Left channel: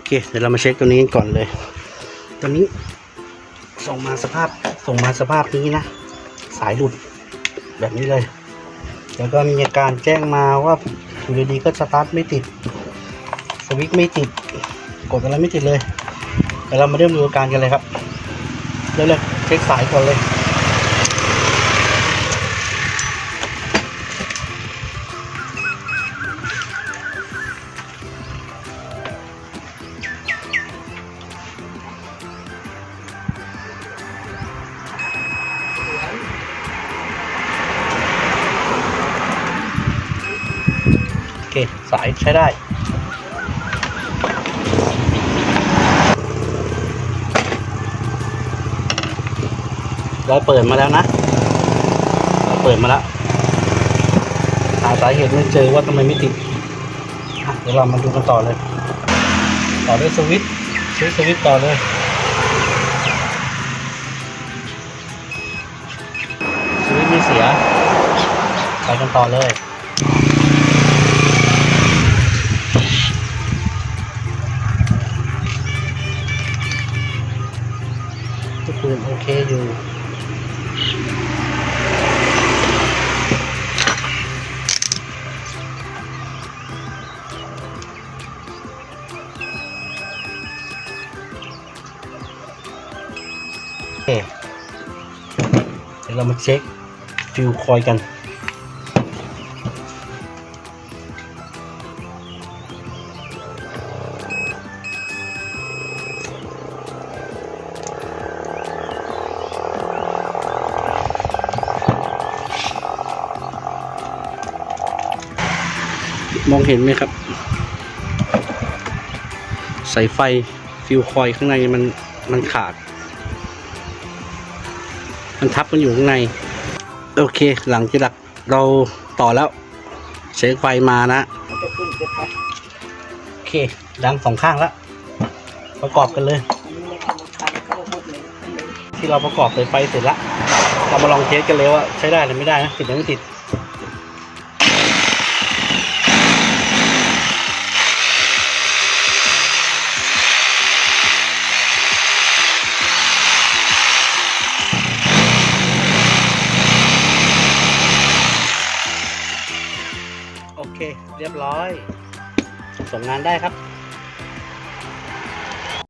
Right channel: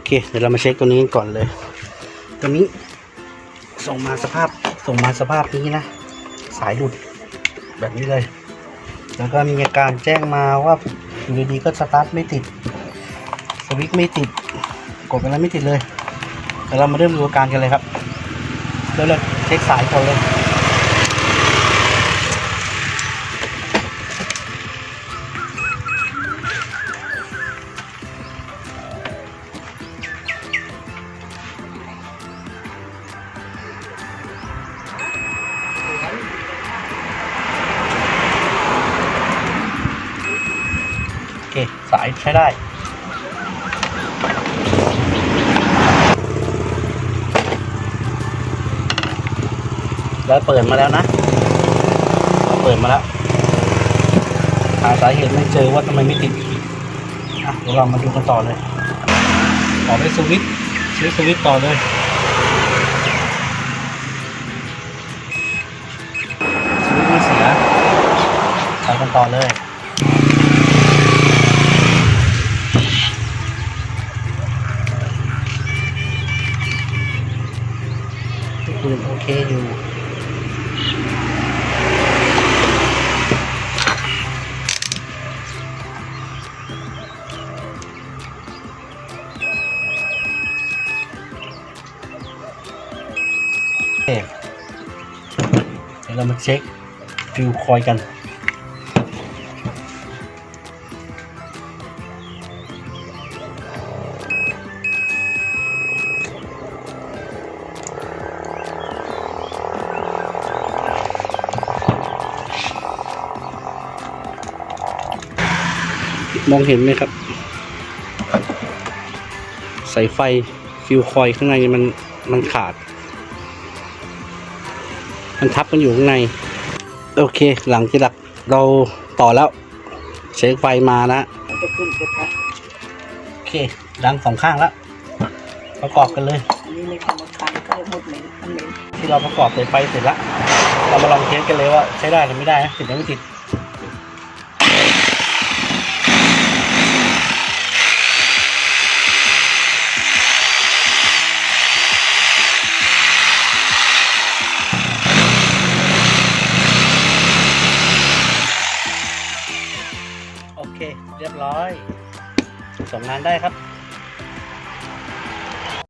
อเค เดี๋ยวเรามาเช็คตัวนี้กันก่อนเลย ตัวนี้ ส่งมาสภาพ ส่งมาสภาพนี้นะ สายหลุดแบบนี้เลย แล้วก็มีอาการแจ้งมาว่าอยู่ดีๆก็สตาร์ทไม่ติด สวิตช์ไม่ติด กดอะไรไม่ติดเลย เดี๋ยวเรามาเริ่มดูอาการกันเลยครับ เริ่มเลยเช็คสายก่อนเลย โอเค สายใช้ได้แล้วเปิดมาแล้วนะ เปิดมาแล้ว หาสาเหตุไม่เจอว่าทำไมไม่ติดเดี๋ยวเรามาดูกันต่อเลย ต่อด้วยสวิตช์ใช้สวิตช์ต่อเลยสวิตช์ไม่เสียไปกันต่อเลย คืนโอเคอยู่เคเดี๋ยวเรามาเช็คฟิวคอยกัน มองเห็นไหมครับ สายไฟฟิวคอยข้างในมันมันขาด มันทับกันอยู่ข้างใน โอเคหลังจากเราต่อแล้ว เช็คไฟมานะโอเคดังสองข้างแล้วประกอบกันเลย ที่เราประกอบสายไฟเสร็จแล้วเรามาลองเทสกันเลยว่าใช้ได้หรือไม่ได้นะติดหรือไม่ติด ร้อยส่งงานได้ครับ